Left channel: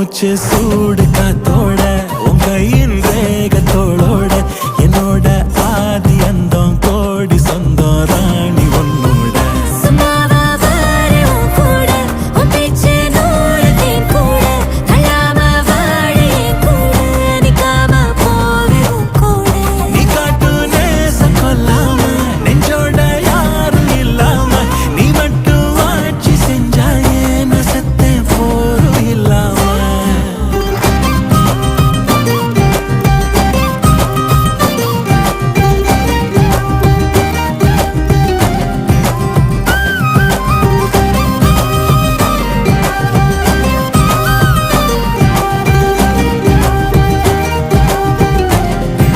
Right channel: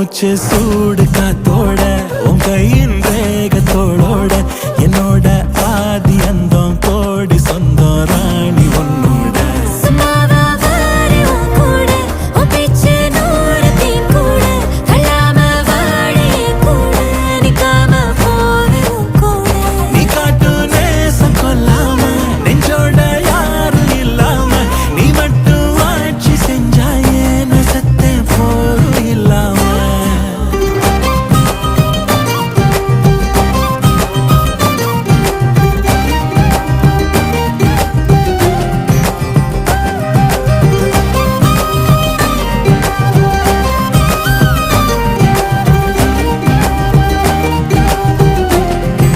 மூச்சு சூடு காத்தோட உன் கையின் ரேகத்தோளோட என்னோட ஆதி அந்தம் கோடி சொந்தம் ராணி உன்னோட